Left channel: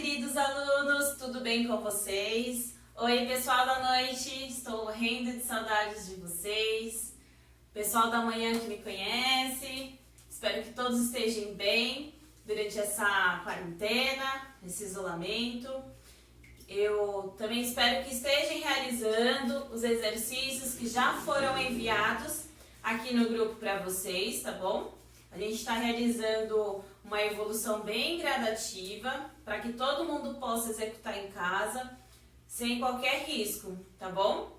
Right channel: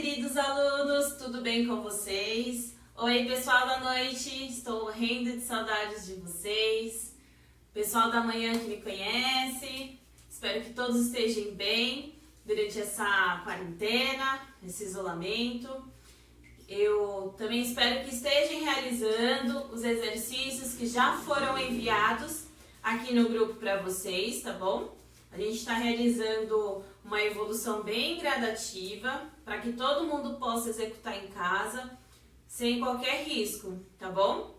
queridos alunos, tudo bem com vocês? Oi, pessoal da noite, estou morrendo de saudades de vocês. Pessoal da manhã que me conhece, espero que todos estejam bem durante essa quarentena, esse isolamento. Eu também espero que estejam realizando os exercícios que já foram enviados aqui no grupo para vocês, tá bom? A gente está realizando uma evolução bem gradativa para que todo mundo possa executar em casa sem qualquer risco, tá bom?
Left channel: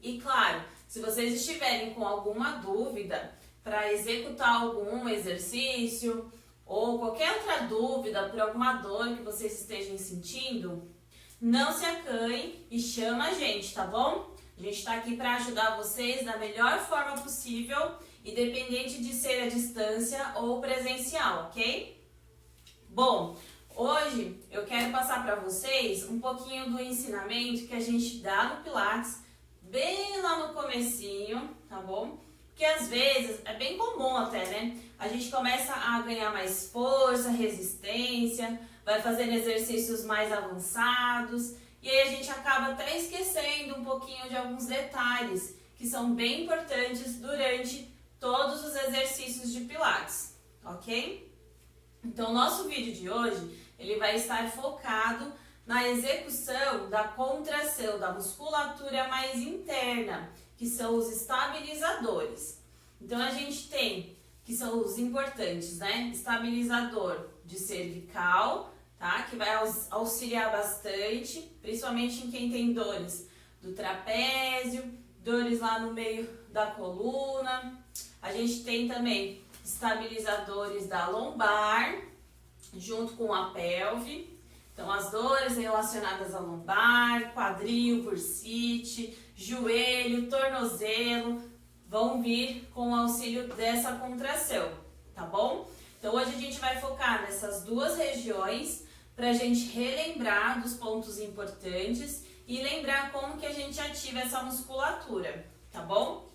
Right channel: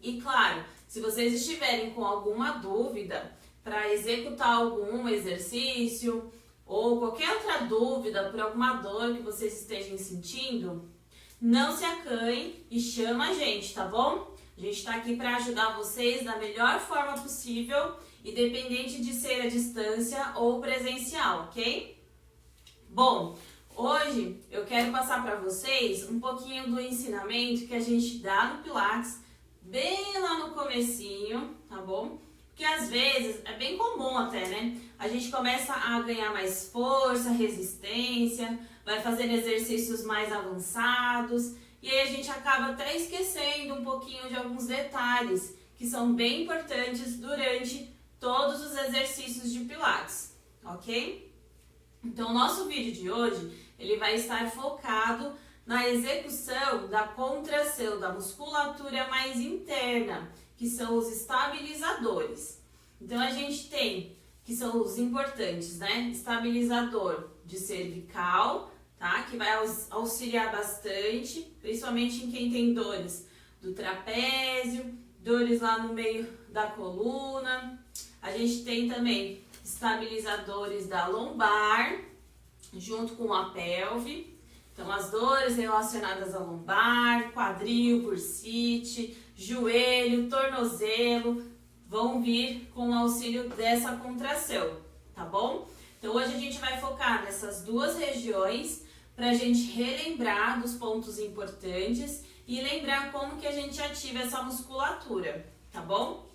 E claro, se vocês estiverem com alguma dúvida para executar algum exercício ou qualquer outra dúvida por alguma dor que vocês estejam sentindo, não se acanhem e chama a gente, tá bom? A gente está aqui para ajudar vocês da melhor forma possível, independente de ser à distância ou presencial, ok? Bom, hoje eu quero passar para vocês um pouquinho do ensinamento que a gente dá no Pilates, bem lá no comecinho, tá bom? Porque às vezes, é bem comum até, né? A gente começa a ganhar mais força, resistência, vai fazendo exercícios mais avançados e aí a gente acaba até esquecendo um pouquinho de alguns detalhes que são bem importantes durante todos os exercícios de Pilates, ok? Então, o nosso vídeo de hoje, ele vai estar focado na execução da contração da musculatura mais interna, que são os estabilizadores. Então, a gente tem, que são os importantes, né? Estabilizador de cervical, tá? Que vai auxiliar bastante, principalmente em quem tem dores do trapézio, dores lá no meio da coluna. A gente tem também estabilizadores da lombar, junto com a pelve. Então, as dores relacionadas à lombar, quadril, bursite, joelho, tornozelo, vão vir com o auxílio dessa contração, tá bom? Então, hoje a gente vai focar nessas duas regiões para a gente relembrar dos pontos importantes e lembrar como que a gente ativa essa musculatura, tá bom?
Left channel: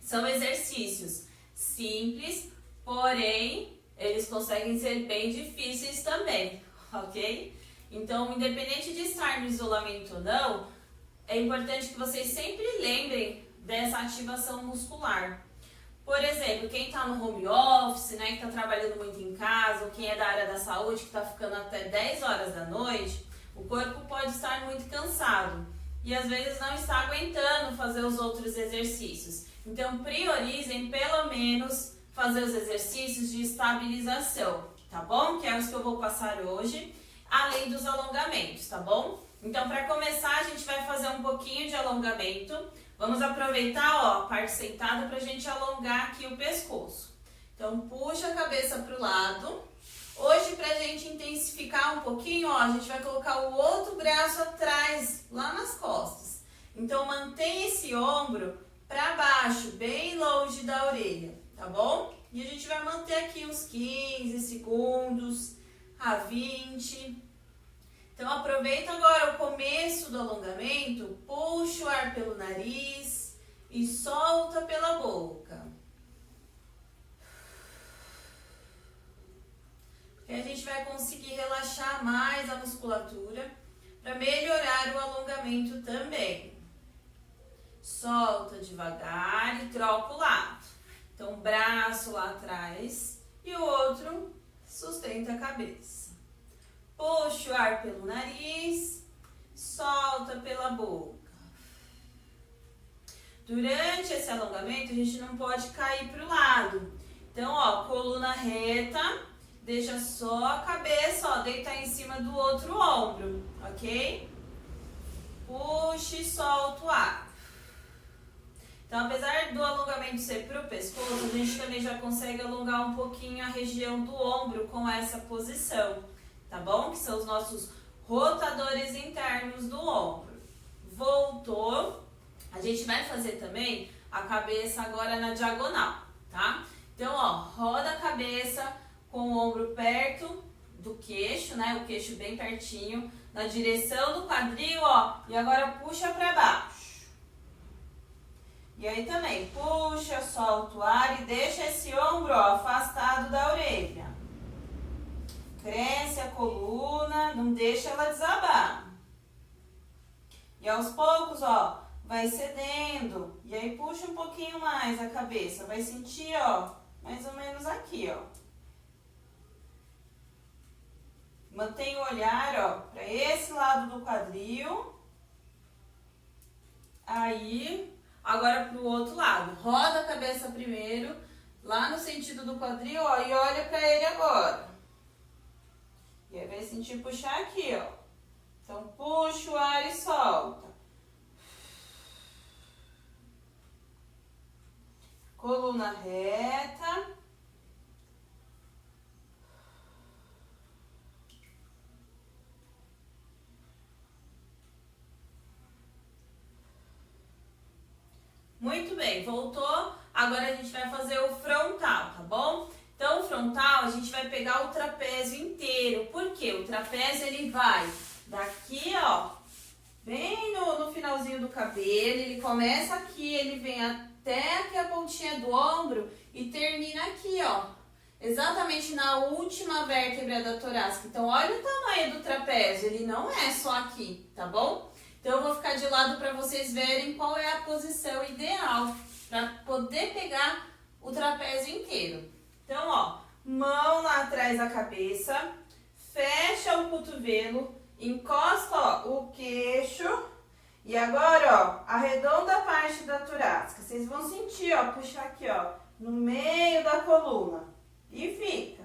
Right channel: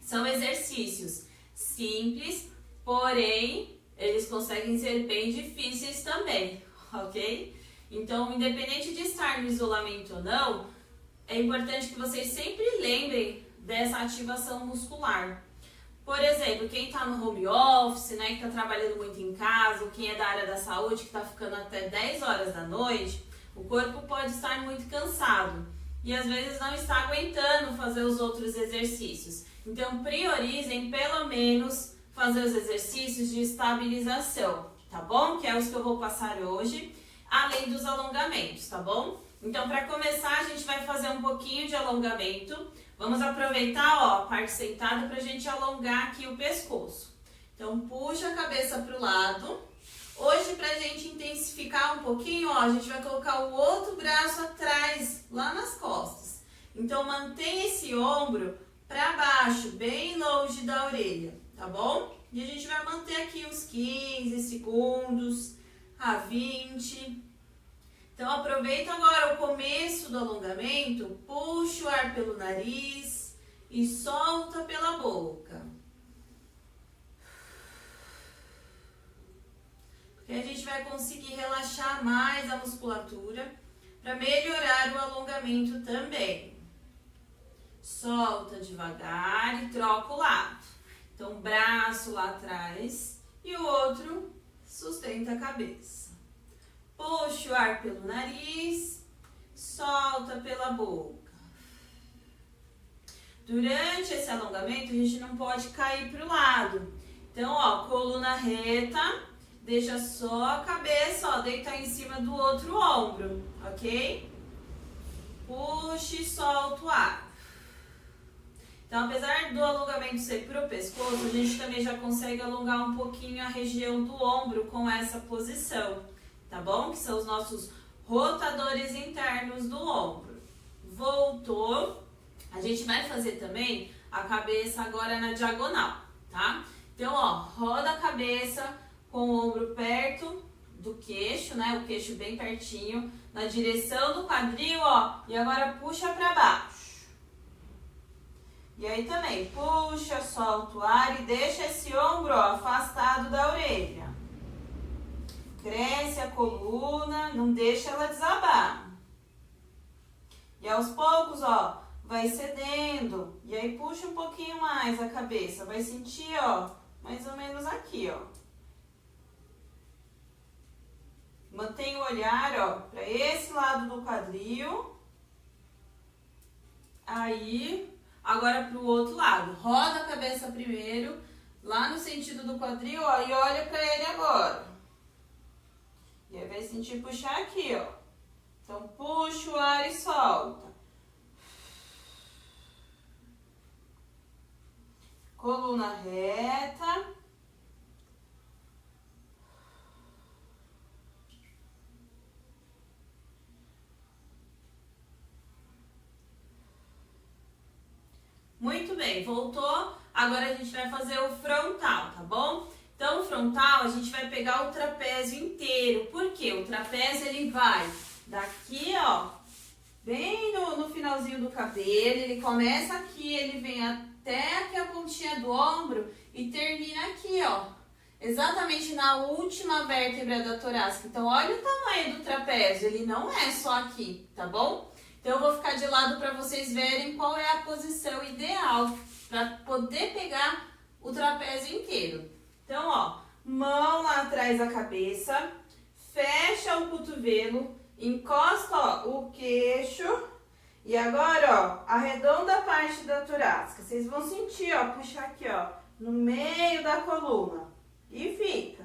São exercícios simples, porém, eles conseguem ser bem difíceis também, ok? Então, independente de estar no isolamento ou não, é importante que vocês sempre lembrem dessa ativação muscular. Por exemplo, quem está no home office, né, que está trabalhando muito em casa, ou quem é da área da saúde, que está ficando até 10 horas da noite, o corpo pode estar muito cansado e às vezes não está aguentando fazer os outros exercícios. Então, priorizem pelo menos fazer os exercícios de estabilização, tá bom? Que é os que eu vou passar hoje, além dos alongamentos, tá bom? Então, para começar, a gente vai fazer um pouquinho de alongamento. Vamos aproveitar, ó, a parte sentada para a gente alongar aqui o pescoço. Então, puxa a cabeça para o lado. Hoje, para a gente intensificar um pouquinho, ó, a gente vai colocar o outro braço atrás, lá nas costas. Então, mantenha esse ombro para baixo, bem longe da orelha, tá bom? E a gente vai manter aqui uns 15 segundos a 20. Então, aproveita agora o começo do alongamento, puxa o ar pelo nariz e solta pela boca. Porque a gente vai conseguir relaxar mais a musculatura para melhorar o alongamento também. Solta devagar e troca o lado. Então, braço lá atrás e o outro sustenta a cabeça. Puxa o ar pelo nariz, solta pela boca. Durante esse alongamento, a gente não pode cair para o lado. Então, ó, coluna reta, deixa só a cabeça, ó, deitar em cima do outro ombro, ok? Puxa e solta o ar. Então, apesar do alongamento ser para o pescoço, a gente também já consegue alongar um pouquinho a região do ombro com essa posição, tá bom? Que são os nossos rotadores internos do ombro. Voltou. A gente vai fazer também a cabeça agora na diagonal, tá? Então, ó, roda a cabeça com o ombro perto do queixo, né? O queixo bem pertinho, na direção do quadril, ó. E agora puxa para baixo. E aí também, puxa, solta o ar e deixa esse ombro, ó, afastado da orelha. Cresce a coluna, não deixa ela desabar. E aos poucos, ó, vai cedendo. E aí puxa um pouquinho mais a cabeça. Vai sentir, ó, mais ou menos aqui, ó. Mantenha o olhar, ó, para esse lado do quadril. Aí, agora pro outro lado. Roda a cabeça primeiro, lá no sentido do quadril, ó, e olha para ele agora. E aí vai sentir puxar aqui, ó. Então, puxa o ar e solta. Coluna reta. Muito bem, voltou. Agora a gente vai fazer o frontal, tá bom? Então, o frontal, a gente vai pegar o trapézio inteiro. Por quê? O trapézio, ele vai daqui, ó, bem no finalzinho do cabelo. Ele começa aqui, ele vem até aqui a pontinha do ombro e termina aqui, ó. Exatamente na última vértebra da torácica. Então, olha o tamanho do trapézio. Ele não é só aqui, tá bom? Então, eu vou ficar de lado para vocês verem qual é a posição ideal para poder pegar o trapézio inteiro. Então, ó, mão lá atrás da cabeça, fecha o cotovelo, encosta, ó, o queixo e agora, ó, arredonda a parte da torácica. Vocês vão sentir, ó, puxar aqui, ó, no meio da coluna e fica.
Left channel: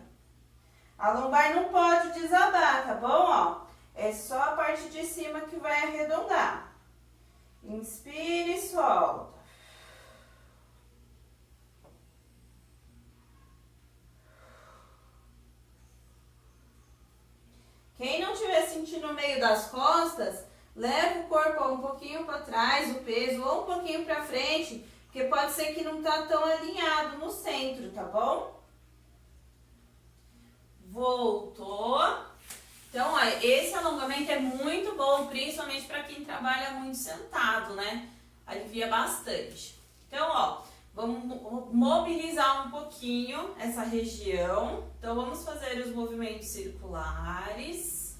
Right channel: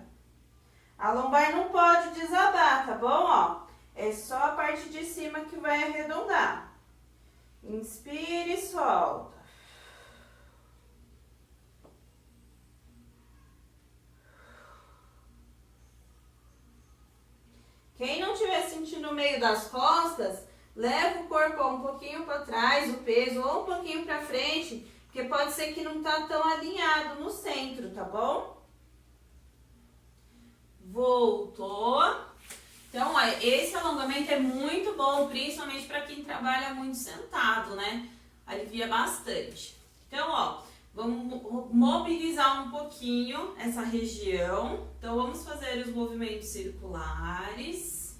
A lombar não pode desabar, tá bom, ó? É só a parte de cima que vai arredondar. Inspire e solta. Quem não estiver sentindo o meio das costas, leva o corpo um pouquinho para trás, o peso, ou um pouquinho para frente, porque pode ser que não tá tão alinhado no centro, tá bom? Voltou. Então, ó, esse alongamento é muito bom, principalmente para quem trabalha muito sentado, né? Alivia bastante. Então, ó, vamos mobilizar um pouquinho essa região. Então, vamos fazer os movimentos circulares.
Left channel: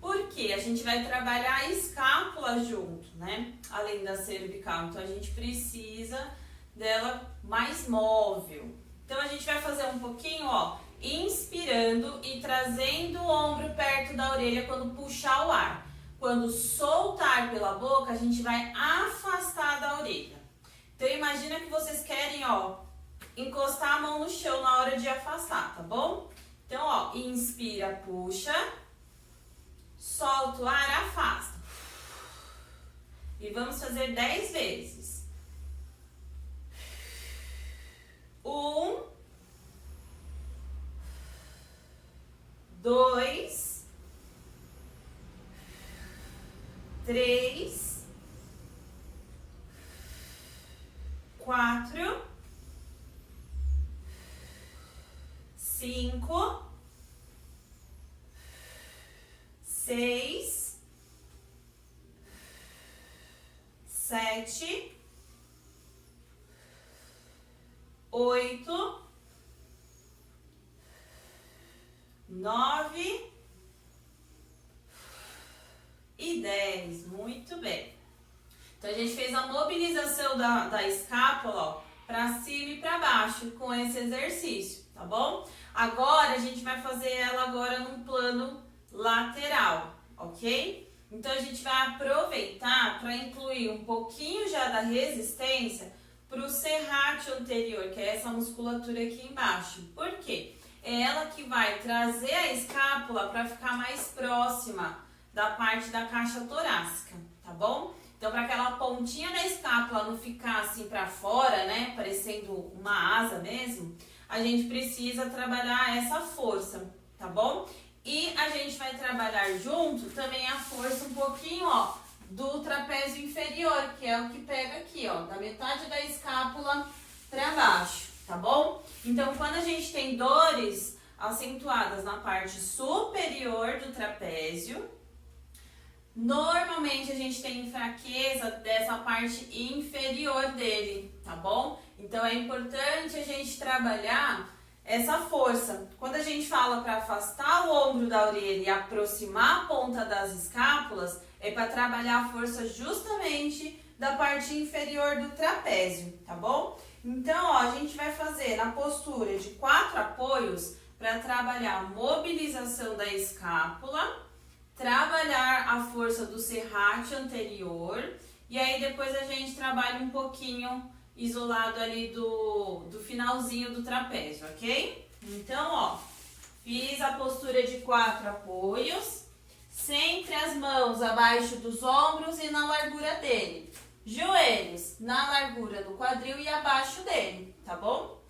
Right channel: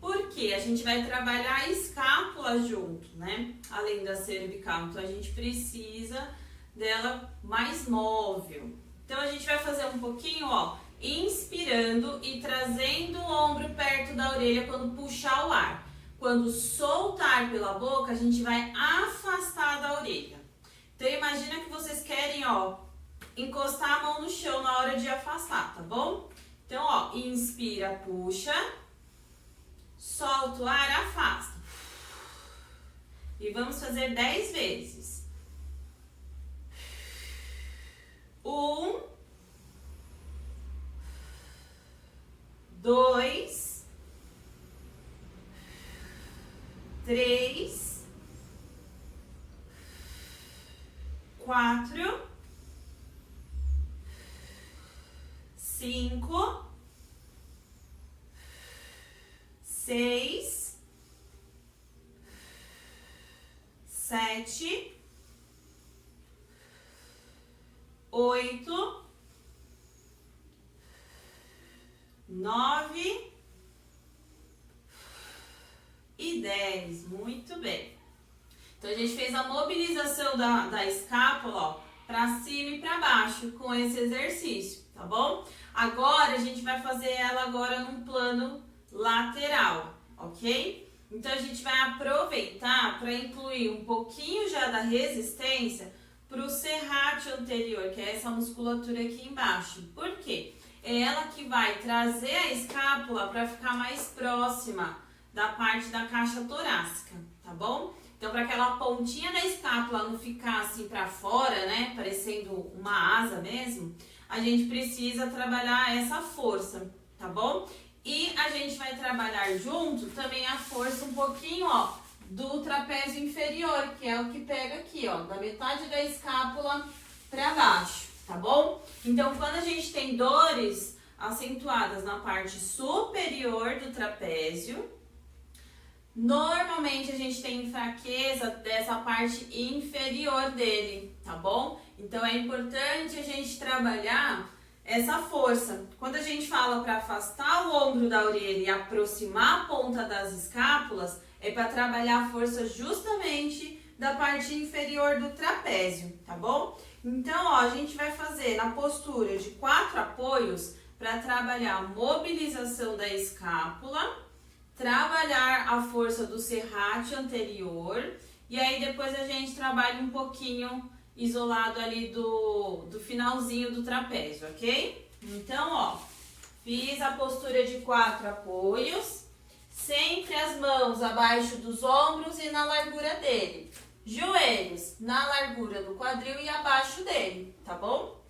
Porque a gente vai trabalhar a escápula junto, né? Além da cervical. Então, a gente precisa dela mais móvel. Então, a gente vai fazer um pouquinho, ó, inspirando e trazendo o ombro perto da orelha quando puxar o ar. Quando soltar pela boca, a gente vai afastar da orelha. Então, imagina que vocês querem, ó, encostar a mão no chão na hora de afastar, tá bom? Então, ó, inspira, puxa, solta o ar, afasta. E vamos fazer 10 vezes. 1, 2, 3, 4, 5, 6, 7, 8, 9 e 10. Muito bem. Então, a gente fez a mobilização da escápula, ó, para cima e para baixo com esse exercício, tá bom? Agora, a gente vai fazer ela agora num plano lateral, ok? Então, a gente vai aproveitar para incluir um pouquinho já da resistência para o serrátil anterior, que é essa musculatura aqui embaixo. Por quê? É ela que vai trazer a escápula para ficar mais próxima da parte da caixa torácica, tá bom? Então, para aquela pontinha da escápula não ficar assim para fora, né, parecendo uma asa mesmo, a gente precisa trabalhar essa força, tá bom? E a gente vai trabalhar junto também a força um pouquinho, ó, do trapézio inferior, que é o que pega aqui, ó, da metade da escápula para baixo, tá bom? Então, quando a gente tem dores acentuadas na parte superior do trapézio, normalmente a gente tem fraqueza dessa parte inferior dele, tá bom? Então, é importante a gente trabalhar essa força. Quando a gente fala para afastar o ombro da orelha e aproximar a ponta das escápulas, é para trabalhar a força justamente da parte inferior do trapézio, tá bom? Então, ó, a gente vai fazer na postura de 4 apoios para trabalhar a mobilização da escápula, trabalhar a força do serrátil anterior e aí depois a gente trabalha um pouquinho isolado ali do finalzinho do trapézio, ok? Então, ó, fiz a postura de 4 apoios, sempre as mãos abaixo dos ombros e na largura dele. Joelhos na largura do quadril e abaixo dele, tá bom?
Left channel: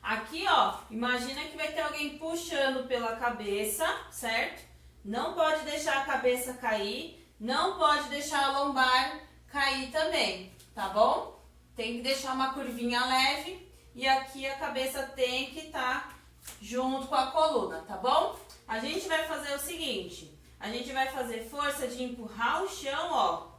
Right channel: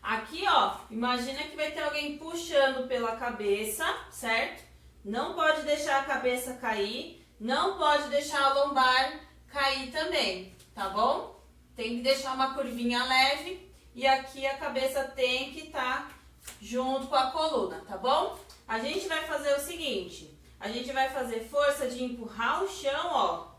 Aqui, ó, imagina que vai ter alguém puxando pela cabeça, certo? Não pode deixar a cabeça cair, não pode deixar a lombar cair também, tá bom? Tem que deixar uma curvinha leve e aqui a cabeça tem que estar junto com a coluna, tá bom? A gente vai fazer o seguinte, a gente vai fazer força de empurrar o chão, ó,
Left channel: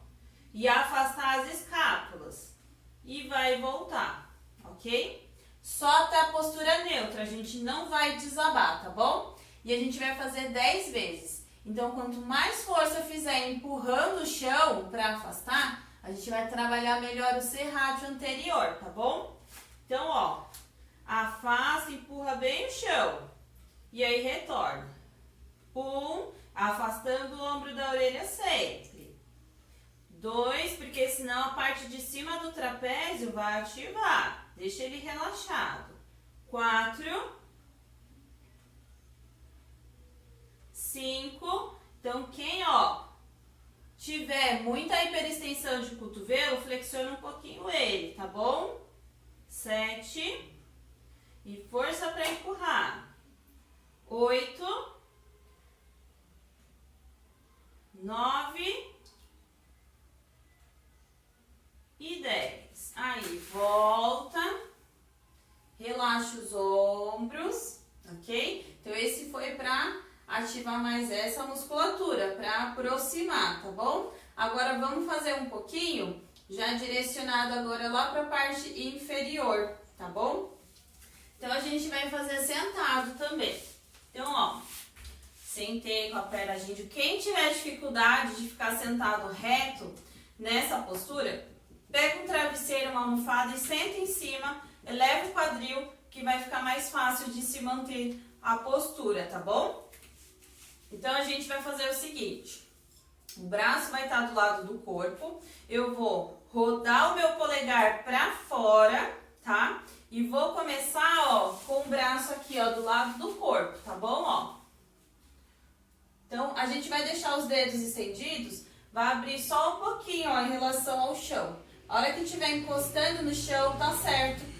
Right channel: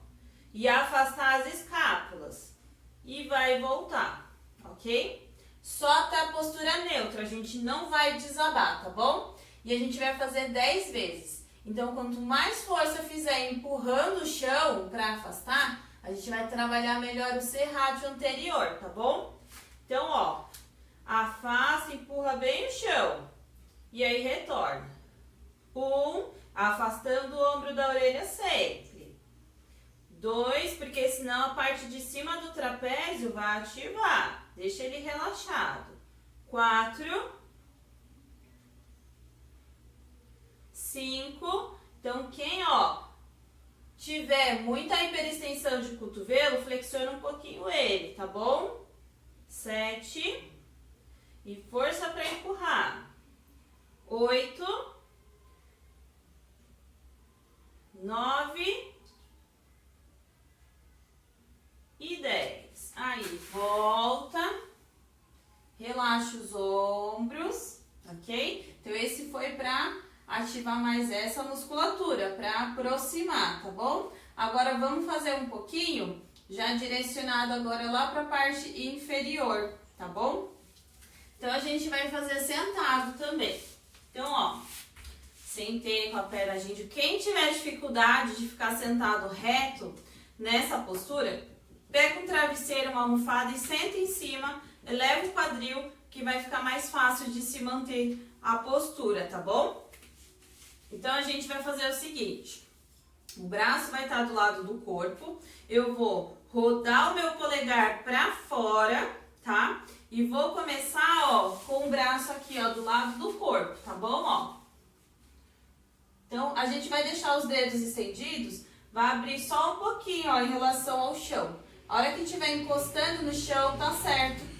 e afastar as escápulas. E vai voltar, ok? Só até a postura neutra, a gente não vai desabar, tá bom? E a gente vai fazer 10 vezes. Então, quanto mais força fizer empurrando o chão para afastar, a gente vai trabalhar melhor o serrátil anterior, tá bom? Então, ó, afasta, empurra bem o chão. E aí, retorna. 1, afastando o ombro da orelha sempre. 2, porque senão a parte de cima do trapézio vai ativar. Deixa ele relaxado. 4. 5. Então, quem, ó, tiver muita hiperextensão de cotovelo, flexiona um pouquinho ele, tá bom? 7. E força para empurrar. 8. 9. E 10. Aí, volta. Relaxa os ombros, ok? Então, esse foi para ativar mais essa musculatura, para aproximar, tá bom? Agora, vamos fazer um pouquinho, já direcionado agora lá para a parte inferior, tá bom? Então, a gente vai fazer sentado também. Então, ó, sentei com a perna índio. Quem tiver dificuldade de ficar sentado reto nessa postura, pega um travesseiro, uma almofada e senta em cima, eleva o quadril, que vai ficar mais fácil de se manter a postura, tá bom? Então, a gente vai fazer o seguinte, o braço vai estar do lado do corpo, eu vou rodar o meu polegar para fora, tá? E vou começar, ó, com o braço aqui, ó, do lado do corpo, tá bom, ó? Então, a gente vai deixar os dedos estendidos, vai abrir só um pouquinho, ó, em relação ao chão. A hora que estiver encostando no chão, tá certo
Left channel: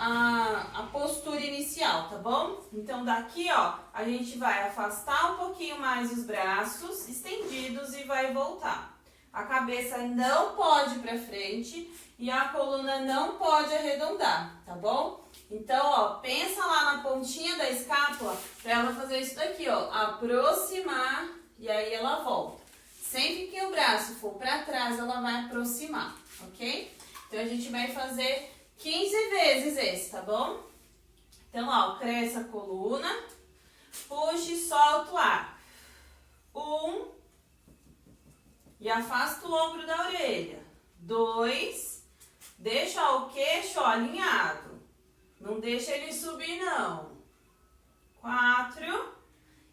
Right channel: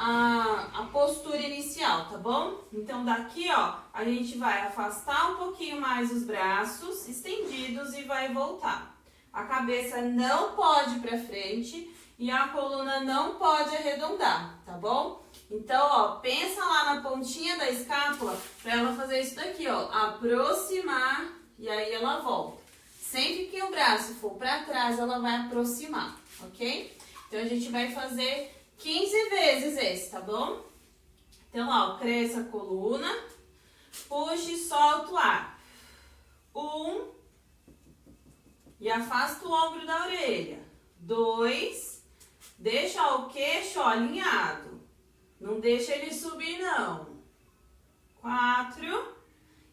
a postura inicial, tá bom? Então, daqui, ó, a gente vai afastar um pouquinho mais os braços estendidos e vai voltar. A cabeça não pode ir pra frente e a coluna não pode arredondar, tá bom? Então, ó, pensa lá na pontinha da escápula pra ela fazer isso daqui, ó, aproximar e aí ela volta. Sempre que o braço for pra trás, ela vai aproximar, ok? Então, a gente vai fazer 15 vezes esse, tá bom? Então, ó, cresce a coluna, puxa e solta o ar. 1, e afasta o ombro da orelha. 2, deixa ó, o queixo ó, alinhado. Não deixa ele subir, não. 4,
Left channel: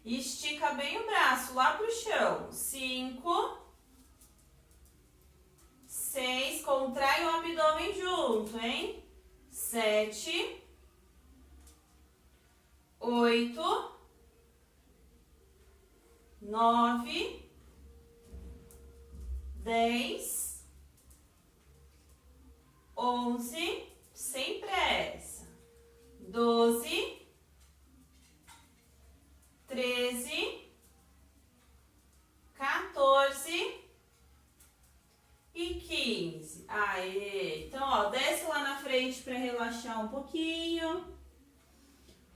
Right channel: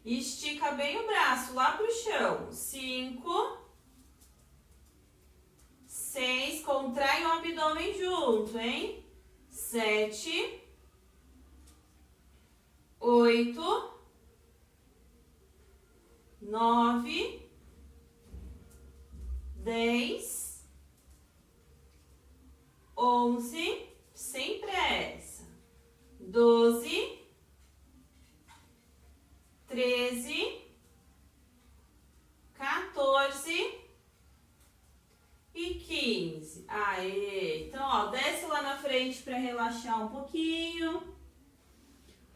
estica bem o braço lá pro chão. 5, 6, contrai o abdômen junto, hein? 7, 8, 9, 10, 11, sem pressa. 12, 13, 14 e 15. Aê! Então, ó, desce lá na frente para relaxar um pouquinho.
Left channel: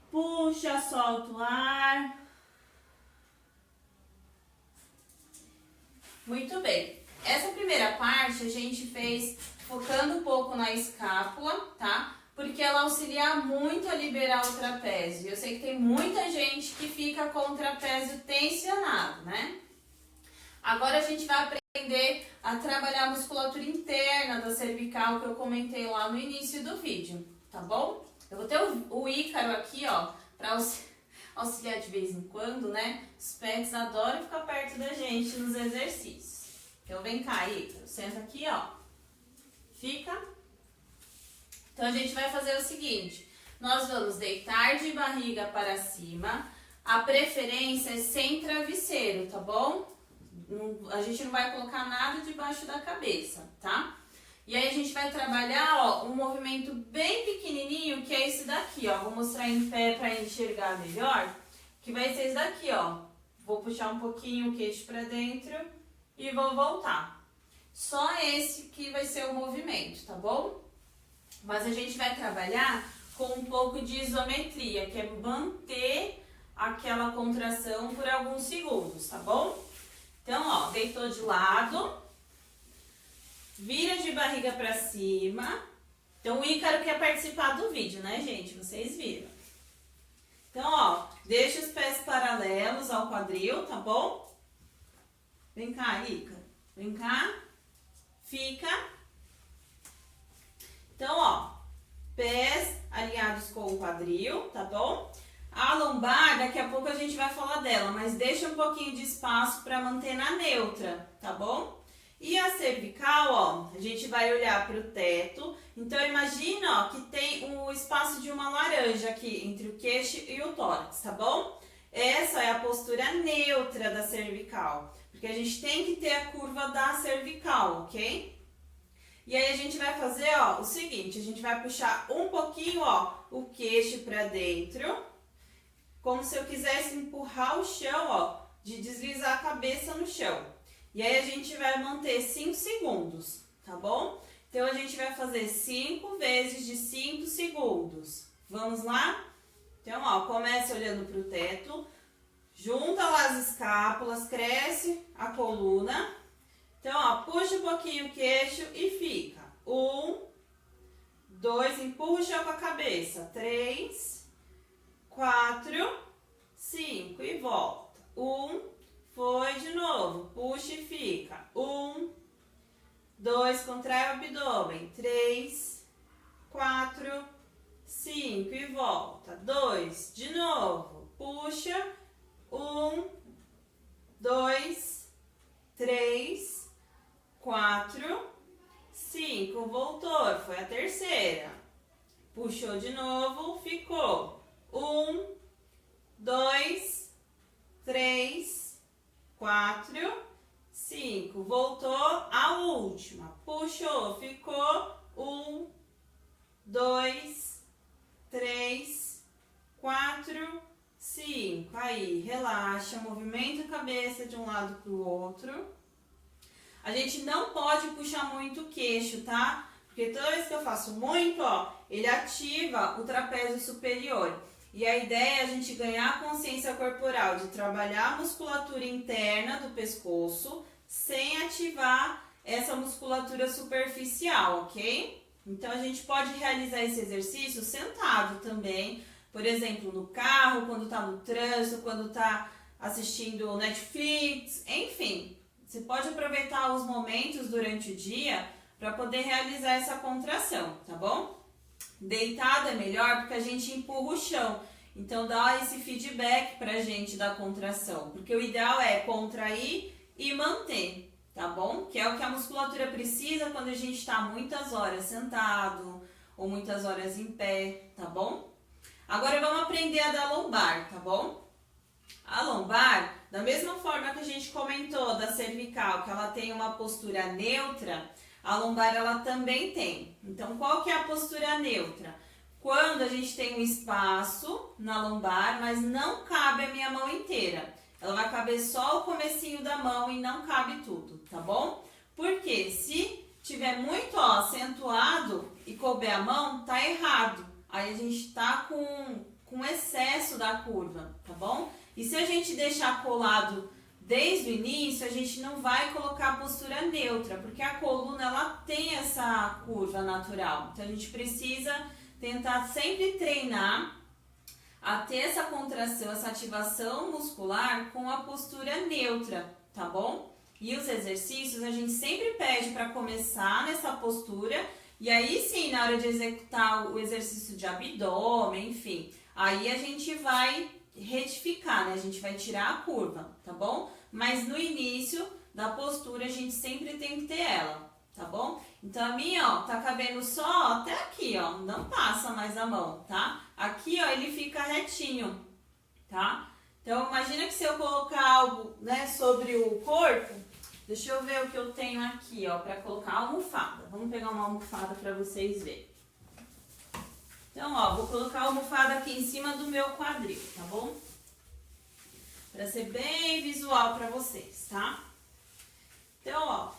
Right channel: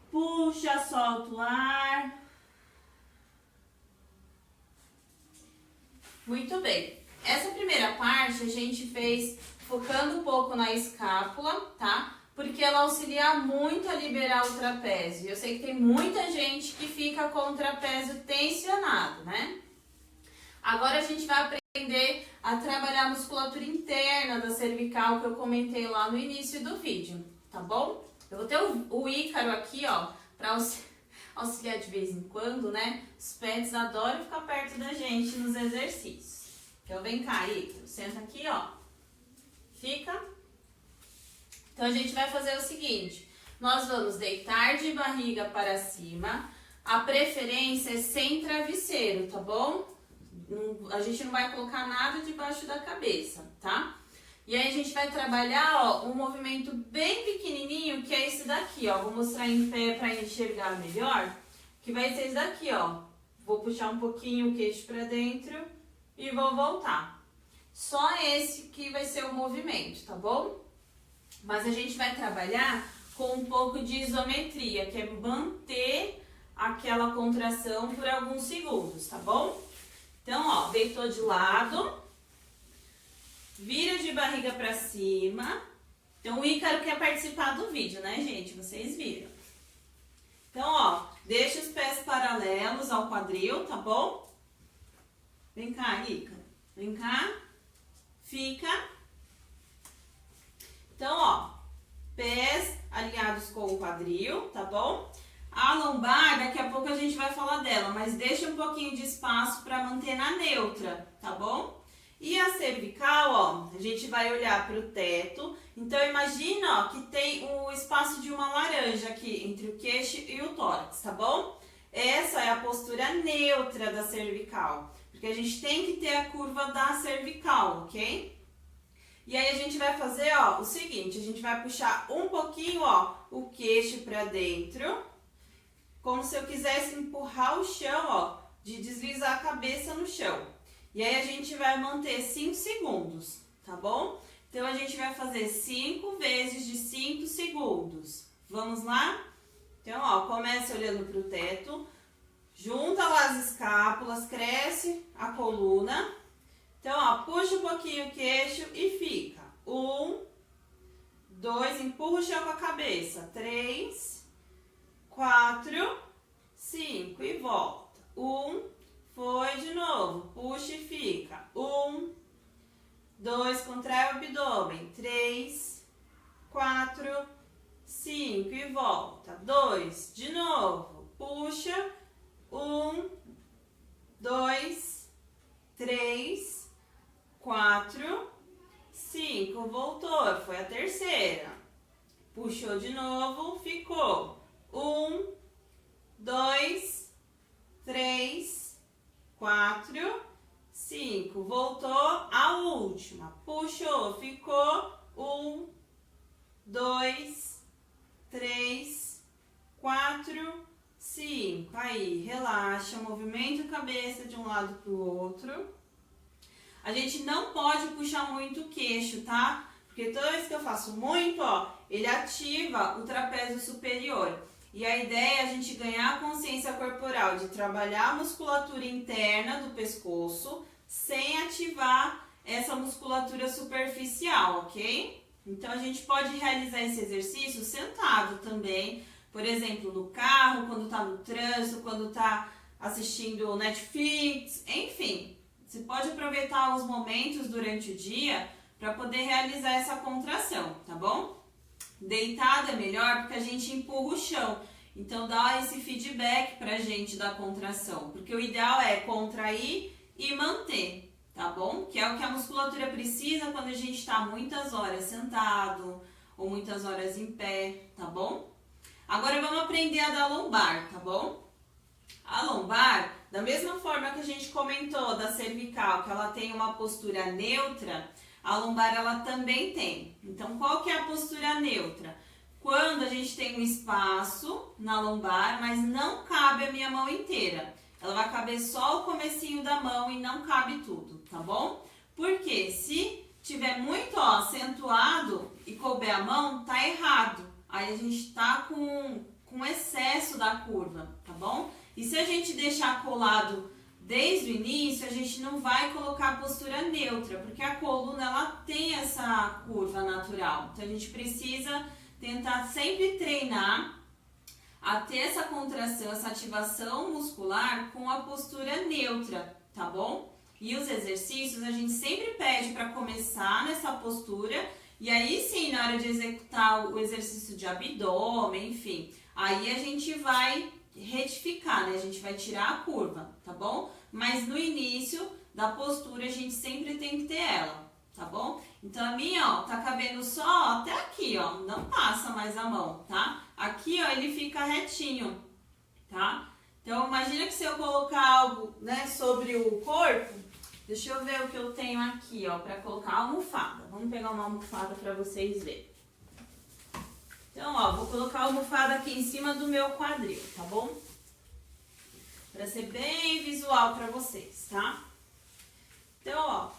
Puxa, solta o ar. Muito bem. Essa primeira parte a gente fez focando um pouco na escápula, tá? porque ela auxilia muito a liberar o trapézio. Eu sei que tem muita gente que fica com o trapézio tensionado, né? Agora a gente vai aprender a trabalhar a musculatura interna da cervical que eu comentei lá no início do vídeo, tá bom? Eu vou ter o Ícaro aqui, ó, para auxiliar de vez em quando, né? Os pets adoram ficar perto da gente nos exercícios. Então vem cá, Ícaro, senta aqui, ó. Fica. Então a gente vai fazer o seguinte, nós vamos deitar de barriga para cima, a preferência é sem travesseiro, tá bom? A gente não vai colocar nada debaixo da cabeça, tá? E aí a gente vai trabalhar, ó, um movimento bem pequenininho, que é esse daqui, ó. Vou mostrar em pé para enxergar melhor, que vai ser esse daqui, ó. Vou puxar um pouquinho o queixo para dentro e vou voltar. Só esse que vai ser o movimento, tá bom? Mas a gente vai trabalhar com um pouco de isometria, que é manter aquela contração por alguns segundos, tá bom? Então, ó, deitou de lado, vira de barriga pra cima. Então, o Ícaro quer participar do vídeo, né, gente? Vocês viram. Então, ó, deixa os pés paralelos ao quadril, tá bom? Vem cá, Ícaro. Vem cá. Fica. Então, ó, pés alinhados com o quadril, tá bom? A lombar, daqui a pouco a gente vai falar dela, mas deixa um pouquinho de espaço para manter na neutra, tá bom? E a cervical, ó, a gente vai olhar para o teto. Então, imagina, ó, que tem o espaço de uma laranja aqui entre o queixo e o tórax, tá bom? Essa é a postura neutra da cervical, porque a gente tem que ter a curva da cervical, ok? E aí a gente vai fazer, ó, o seguinte, a gente vai puxar um pouquinho, ó, o queixo para dentro, como se eu quisesse empurrar o chão, ó, de deslizar a cabeça no chão. E aí a gente vai manter 5 segundos, tá bom? Então a gente vai fazer 5 vezes de 5 segundos. Vamos lá? Então, ó, começa olhando para o teto, junta lá as escápulas, cresce a coluna. Então, ó, puxa um pouquinho o queixo e fica. 1, 2, empurra o chão com a cabeça. 3, 4, 5 e volta. 1, foi de novo. Puxa e fica. 1, 2, contrai o abdômen. 3, 4, 5 e volta. 2, de novo. Puxa. 1, 2, 3, 4, 5. Voltou. Foi a terceira. Puxou de novo. Ficou. 1, 2, 3, 4, 5. Voltou a última. Puxou, ficou. 1, 2, 3, 4, 5. Aí, relaxa, movimenta a cabeça de um lado para o outro. A gente não pode puxar muito o queixo, tá? Porque toda vez que eu faço muito, ó, ele ativa o trapézio superior. E a ideia é a gente ganhar a consciência corporal de trabalhar a musculatura interna do pescoço sem ativar essa musculatura superficial, ok? Então, a gente pode realizar esse exercício sentado também, por exemplo, no carro, quando tá no trânsito, quando tá assistindo Netflix, enfim. Você pode aproveitar os momentos durante o dia para poder realizar essa contração, tá bom? Deitado é melhor porque a gente empurra o chão. Então, dá esse feedback pra gente da contração. Porque o ideal é contrair e manter, tá bom? Que é o que a musculatura precisa quando a gente está muitas horas sentado ou muitas horas em pé, tá bom? Agora, vamos aprender a dar lombar, tá bom? A lombar, da mesma forma que a gente comentou da cervical, que ela tem uma postura neutra, a lombar ela também tem. Então, qual que é a postura neutra? Quando a gente tem um espaço na lombar, mas não cabe a minha mão inteira. Ela vai caber só o comecinho da mão e não cabe tudo, tá bom? Porque se tiver muito, ó, acentuado e couber a mão, tá errado. Aí a gente tá com excesso da curva, tá bom? E se a gente deixar colado desde o início, a gente não vai colocar a postura neutra, porque a coluna ela tem essa curva natural. Então a gente precisa tentar sempre treinar a ter essa contração, essa ativação muscular com a postura neutra, tá bom? E os exercícios a gente sempre pede para começar nessa postura e aí sim, na hora de executar o exercício de abdômen, enfim, aí a gente vai retificar, né? A gente vai tirar a curva, tá bom? Mas no início da postura a gente sempre tem que ter ela, tá bom? Então a minha, ó, tá cabendo só até aqui, ó, não passa mais a mão, tá? Aqui, ó, ele fica retinho, tá? Então imagina que se eu colocar algo, né, sobre o corpo, deixa eu ver o que eu tenho aqui, ó, pra colocar almofada. Vamos pegar uma almofada pra vocês verem. Então, ó, vou colocar a almofada aqui em cima do meu quadril, tá bom? Pra ser bem visual pra vocês, tá? Então, ó,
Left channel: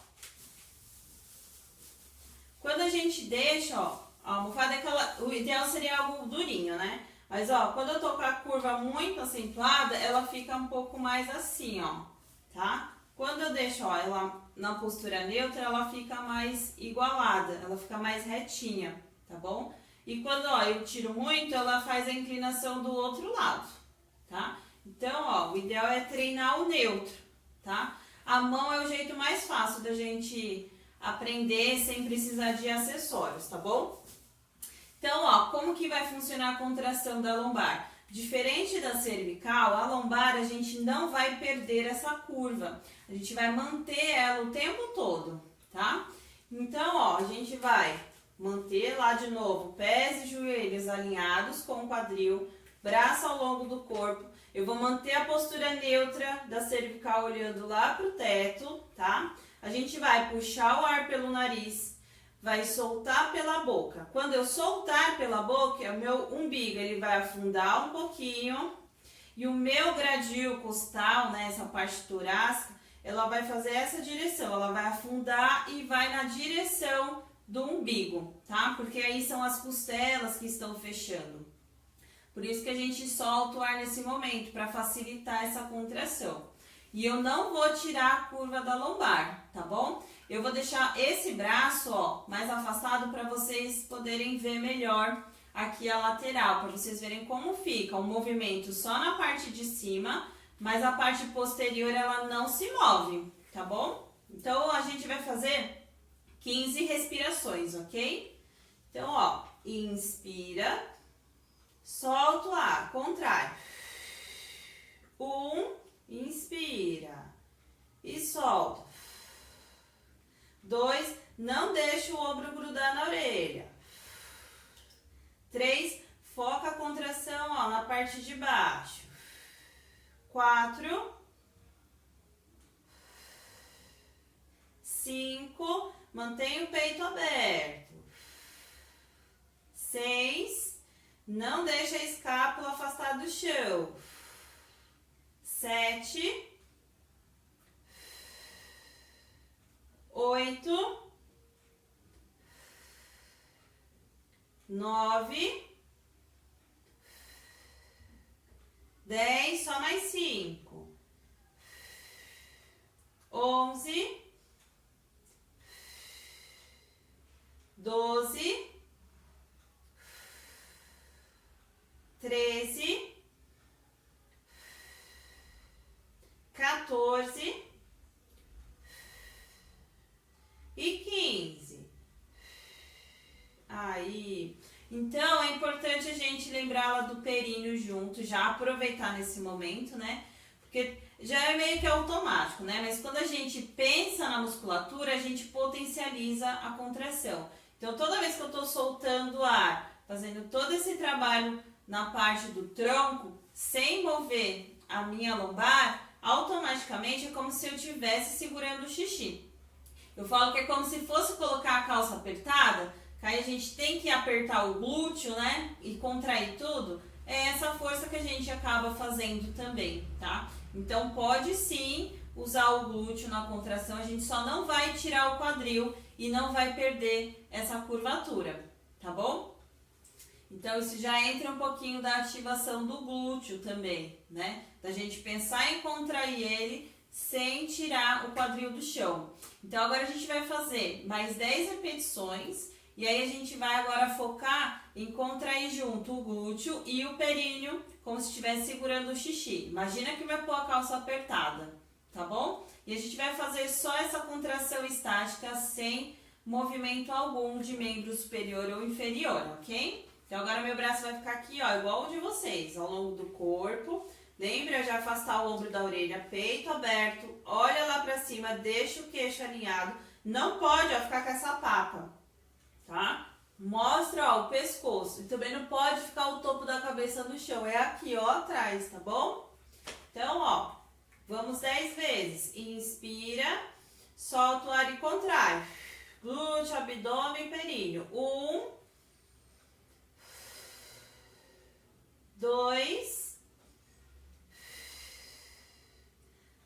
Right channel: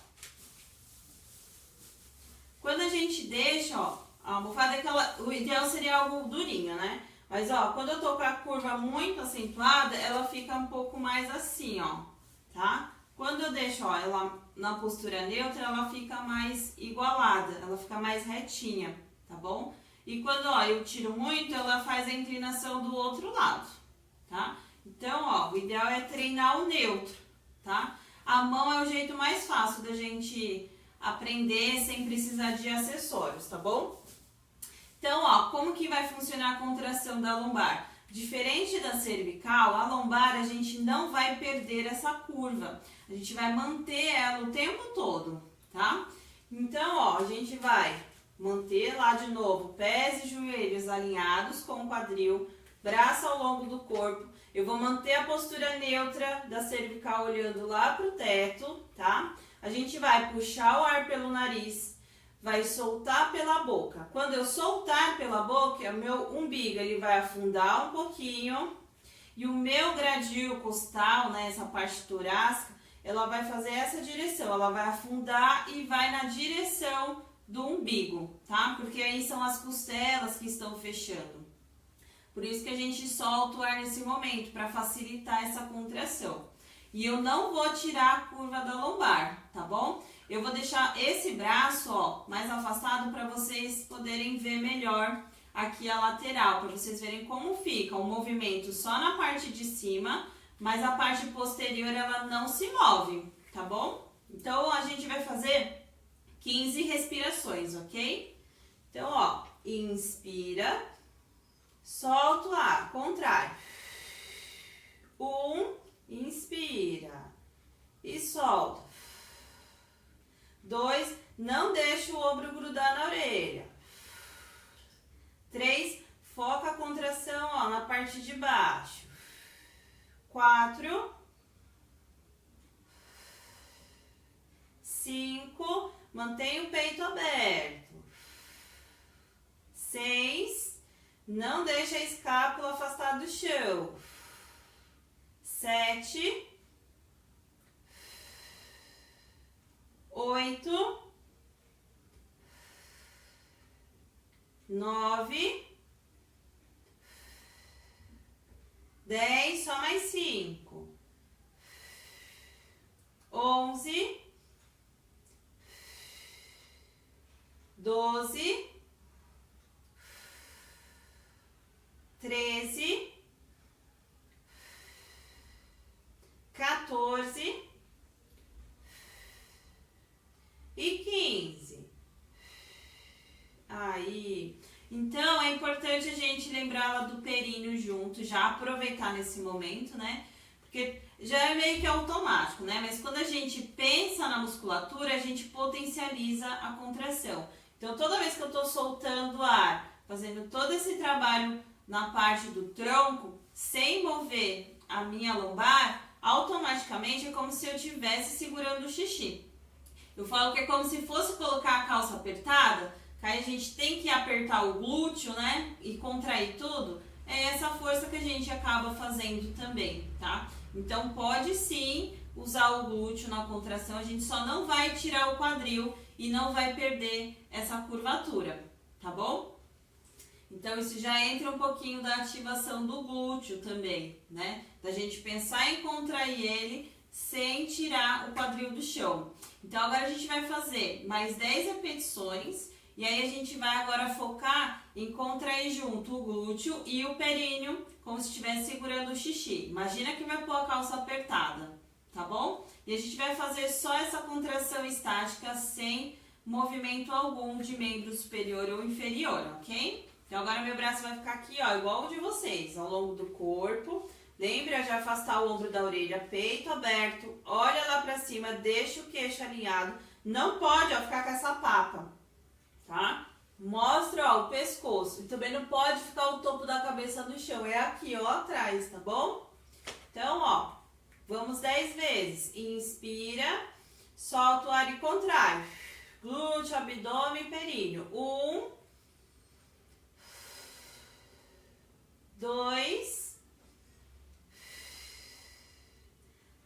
quando a gente deixa, ó, a almofada é aquela, o ideal seria algo durinho, né? Mas, ó, quando eu tô com a curva muito acentuada, ela fica um pouco mais assim, ó, tá? Quando eu deixo, ó, ela na postura neutra, ela fica mais igualada, ela fica mais retinha, tá bom? E quando, ó, eu tiro muito, ela faz a inclinação do outro lado, tá? Então, ó, o ideal é treinar o neutro, tá? A mão é o jeito mais fácil da gente aprender sem precisar de acessórios, tá bom? Então, ó, como que vai funcionar a contração da lombar? Diferente da cervical, a lombar a gente não vai perder essa curva. A gente vai manter ela o tempo todo, tá? Então, ó, a gente vai manter lá de novo pés e joelhos alinhados com o quadril, braço ao longo do corpo. Eu vou manter a postura neutra da cervical olhando lá pro teto, tá? A gente vai puxar o ar pelo nariz, vai soltar pela boca. Quando eu soltar pela boca, o meu umbigo ele vai afundar um pouquinho e o meu gradil costal, né, essa parte torácica, ela vai fazer essa direção, ela vai afundar e vai na direção do umbigo, tá? Porque aí são as costelas que estão fechando. Por isso que a gente solta o ar nesse momento, para facilitar essa contração. E eu não vou tirar a curva da lombar, tá bom? Eu vou deixar esse braço, ó, mais afastado para vocês poderem ver melhor aqui a lateral, para vocês verem como fica o movimento só na parte de cima, mas a parte posterior ela não se move, tá bom? Então a gente vai fazer 15 respirações, ok? Então, ó, inspira, solta o ar, contrário. 1, inspira e solta. 2, não deixa o ombro grudar na orelha. 3, foca a contração, ó, na parte de baixo. 4, 5, mantém o peito aberto. 6, não deixa a escápula afastada do chão. 7, 8, 9, 10, só mais 5, 11, 12, 13, 14 e 15. Aí, então é importante a gente lembrar lá do períneo junto, já aproveitar nesse momento, né? Porque já é meio que automático, né? Mas quando a gente pensa na musculatura, a gente potencializa a contração. Então, toda vez que eu tô soltando ar, fazendo todo esse trabalho na parte do tronco, sem mover a minha lombar, automaticamente é como se eu estivesse segurando o xixi. Eu falo que é como se fosse colocar a calça apertada, que aí a gente tem que apertar o glúteo, né? E contrair tudo. É essa força que a gente acaba fazendo também, tá? Então, pode sim usar o glúteo na contração, a gente só não vai tirar o quadril e não vai perder essa curvatura, tá bom? Então, isso já entra um pouquinho da ativação do glúteo também, né? Da gente pensar em contrair ele sem tirar o quadril do chão. Então, agora a gente vai fazer mais 10 repetições e aí a gente vai agora focar em contrair junto o glúteo e o períneo, como se estivesse segurando o xixi. Imagina que vai pôr a calça apertada, tá bom? E a gente vai fazer só essa contração estática sem movimento algum de membro superior ou inferior, ok? Então agora meu braço vai ficar aqui, ó, igual o de vocês, ao longo do corpo. Lembra de afastar o ombro da orelha, peito aberto, olha lá pra cima, deixa o queixo alinhado. Não pode, ó, ficar com essa papa, tá? Mostra, ó, o pescoço. E também não pode ficar o topo da cabeça no chão, é aqui, ó, atrás, tá bom? Então, ó, vamos 10 vezes. Inspira, solta o ar e contrai. Glúteo, abdômen, períneo. 1, 2,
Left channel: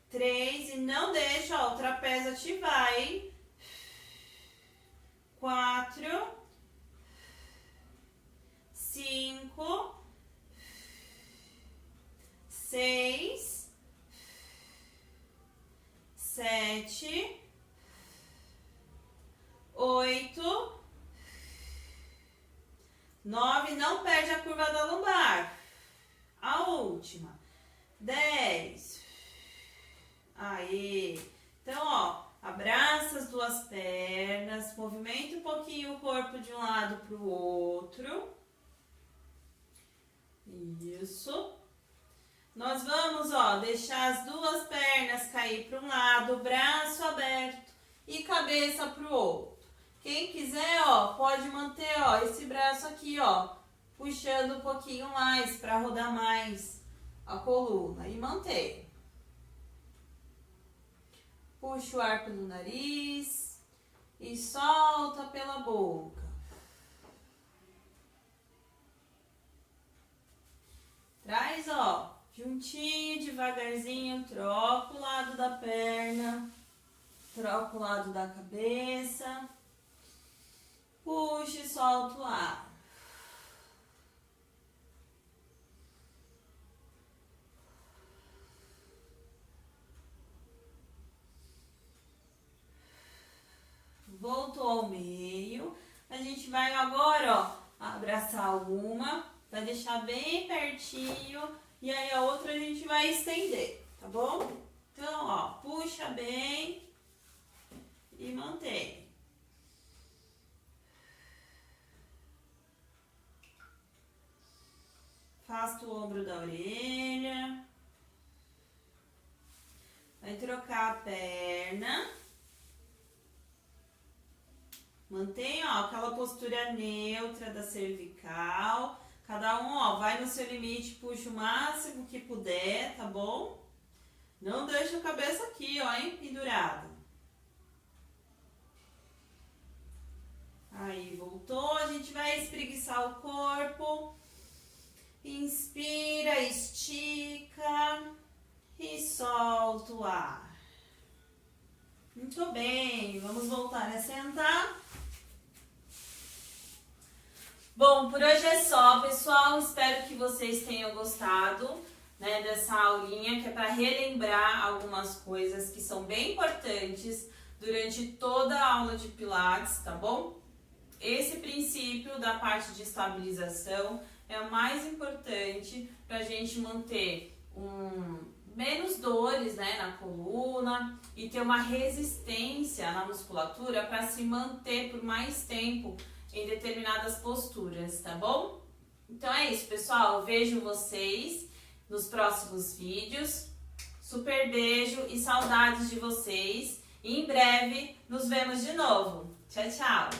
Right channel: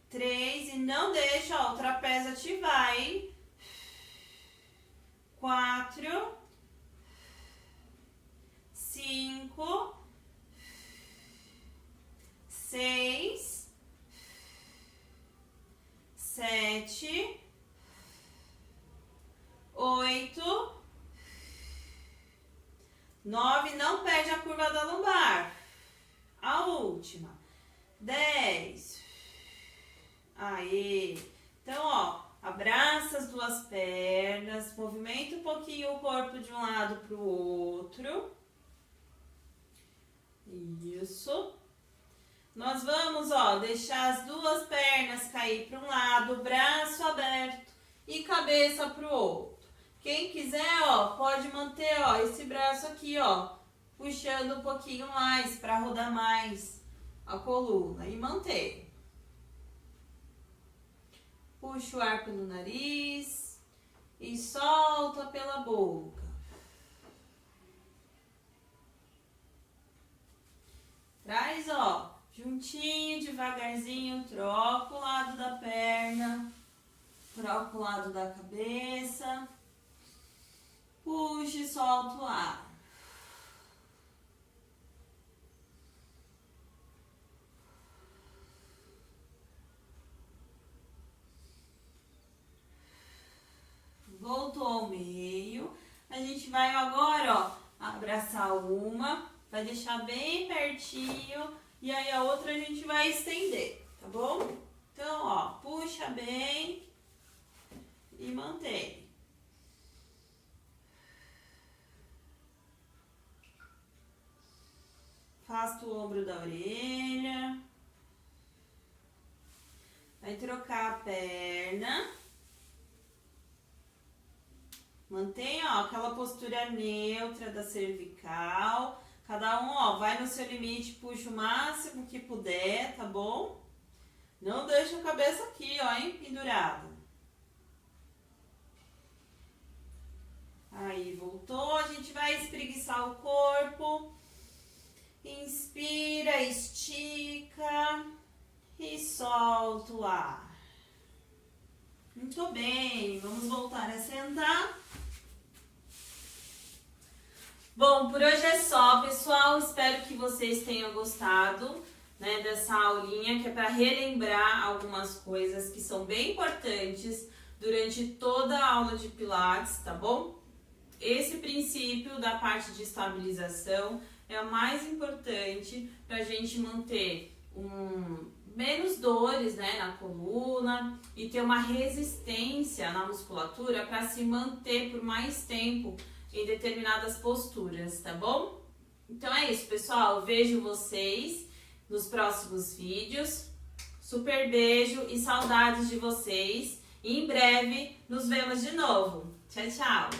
3, e não deixa, ó, o trapézio ativar, hein? 4, 5, 6, 7, 8, 9, não perde a curva da lombar. A última. 10. Aí. Então, ó, abraça as duas pernas, movimenta um pouquinho o corpo de um lado para o outro. Isso. Nós vamos, ó, deixar as duas pernas cair para um lado, braço aberto e cabeça para o outro. Quem quiser, ó, pode manter, ó, esse braço aqui, ó, puxando um pouquinho mais para rodar mais a coluna e manter. Puxa o ar pelo nariz e solta pela boca. Traz, ó, juntinho, devagarzinho, troca o lado da perna, troca o lado da cabeça. Puxa e solta o ar. Voltou ao meio. A gente vai agora, ó, abraçar uma, vai deixar bem pertinho e aí a outra a gente vai estender, tá bom? Então, ó, puxa bem e mantém. Afasta o ombro da orelha. Vai trocar a perna. Mantém, ó, aquela postura neutra da cervical. Cada um, ó, vai no seu limite, puxa o máximo que puder, tá bom? Não deixa a cabeça aqui, ó, hein, pendurada. Aí, voltou. A gente vai espreguiçar o corpo. Inspira, estica e solta o ar. Muito bem, vamos voltar a sentar. Bom, por hoje é só, pessoal. Espero que vocês tenham gostado, né, dessa aulinha, que é para relembrar algumas coisas que são bem importantes durante toda a aula de Pilates, tá bom? Esse princípio da parte de estabilização é o mais importante para a gente manter menos dores, né, na coluna e ter uma resistência na musculatura para se manter por mais tempo em determinadas posturas, tá bom? Então é isso, pessoal. Vejo vocês nos próximos vídeos. Super beijo e saudades de vocês. E em breve nos vemos de novo. Tchau, tchau!